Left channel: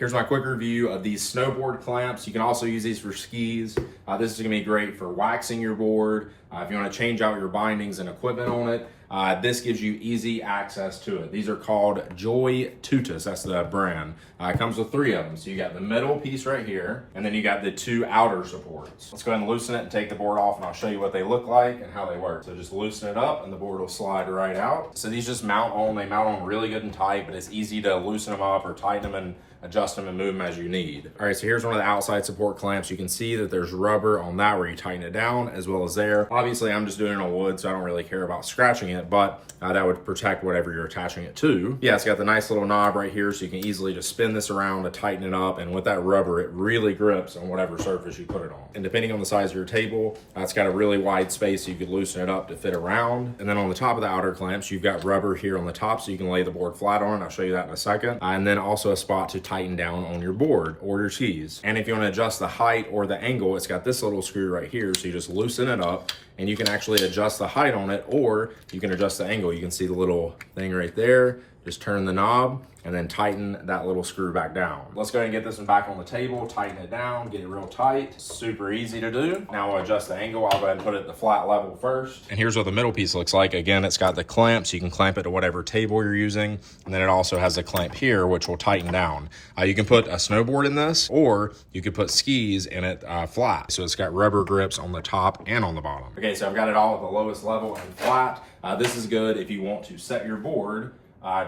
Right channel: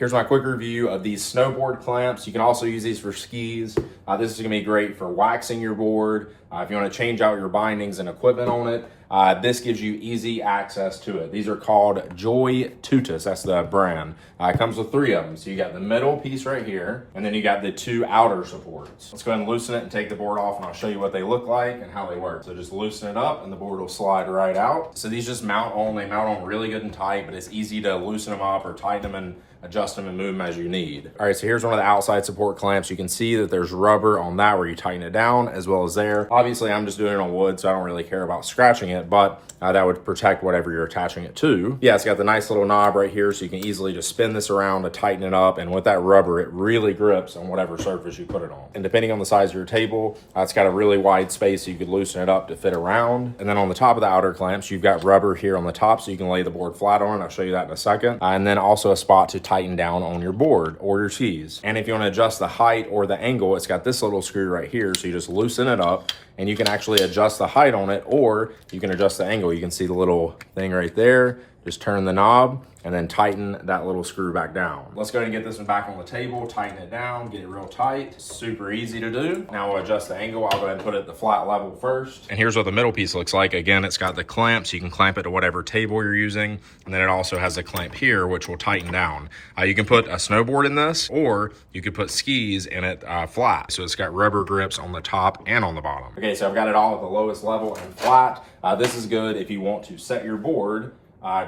Here's my quick review of these snowboard clamps. You can also use these for skis. This is gonna be great for waxing your board. If you wanna change out your bindings and equipment on it, this gives you easy access to it. These are called JOYTUTUS, that's the brand. It comes with 3 of them. So you got the middle piece right here, and then you got the 2 outer supports. Let's go ahead and loosen it and take the board off, and I'll show you what they look like and how they work. So just loosen it up and the board will slide right out. So these just mount on, they mount on really good and tight, but it's easy to loosen them up or tighten them and adjust them and move them as you need. All right, so here's one of the outside support clamps. You can see that there's rubber on that where you tighten it down as well as there. Obviously, I'm just doing it on wood, so I don't really care about scratching it, but that would protect whatever you're attaching it to. Yeah, it's got the nice little knob right here, so you can easily just spin this around to tighten it up, and with that rubber, it really grips on whatever surface you put it on. And depending on the size of your table, it's got a really wide space, so you could loosen it up to fit around. And then on the top of the outer clamps, you've got rubber here on the top, so you can lay the board flat on it. I'll show you that in a second. And then also a spot to tighten down on your board or your skis. And if you want to adjust the height or the angle, it's got this little screw right here, so you just loosen it up and you can actually adjust the height on it, or you can adjust the angle. You can see the little thing right there. Just turn the knob and then tighten that little screw back down. Let's go ahead and get this one back on the table, tighten it down, get it real tight. Super easy to do. Now we'll adjust the angle. I'll go ahead and put it at the flat level first. And here's what the middle piece looks like. Again, it's got the clamp, so you can clamp it to whatever table you're using. And then it also has a clamp here, which will tighten down. You can put a snowboard in this, or you could put skis in it flat. So it's got rubber grips on the top and on the bottom. Okay, so I've got it all at the lowest level and flat. This is good if you want to set your board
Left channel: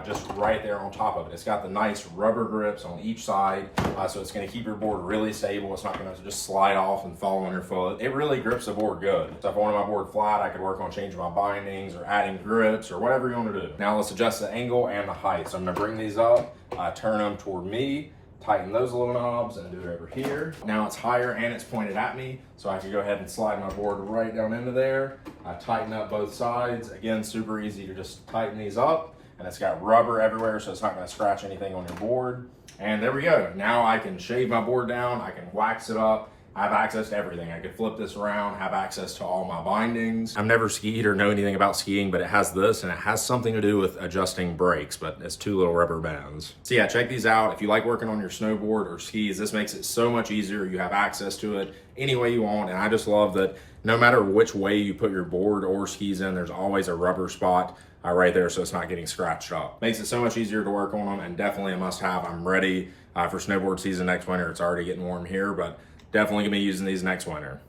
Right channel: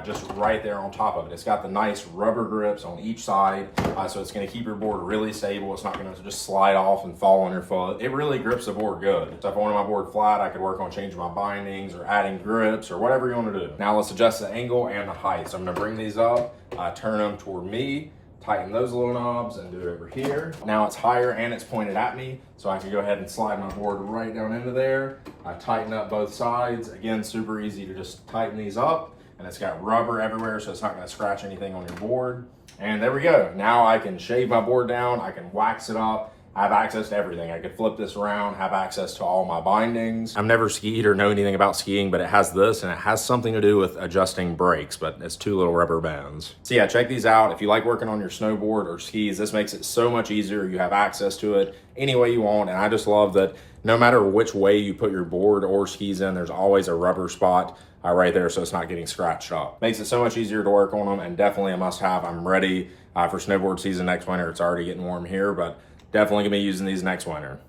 just right there on top of it. It's got the nice rubber grips on each side, so it's going to keep your board really stable. It's not going to just slide off and fall on your foot. It really grips the board good. So if I wanted my board flat, I could work on changing my bindings or adding grips or whatever you want to do. Now let's adjust the angle and the height. So I'm going to bring these up, turn them toward me, tighten those little knobs and do it over here. Now it's higher and it's pointed at me, so I can go ahead and slide my board right down into there. I tighten up both sides. Again, super easy to just tighten these up. And it's got rubber everywhere, so it's not going to scratch anything on your board. And there we go. Now I can shave my board down, I can wax it up, I have access to everything. I could flip this around, have access to all my bindings. I've never skied or know anything about skiing, but it has this, and it has something to do with adjusting brakes, but it's 2 little rubber bands. So yeah, check these out. If you like working on your snowboard or skis, this makes it so much easier. You have access to it any way you want, and I just love that no matter which way you put your board or skis in, there's always a rubber spot right there, so it's not getting scratched up. Makes it so much easier to work on them, and definitely a must-have. I'm ready for snowboard season next winter. It's already getting warm here, but definitely gonna be using these next winter.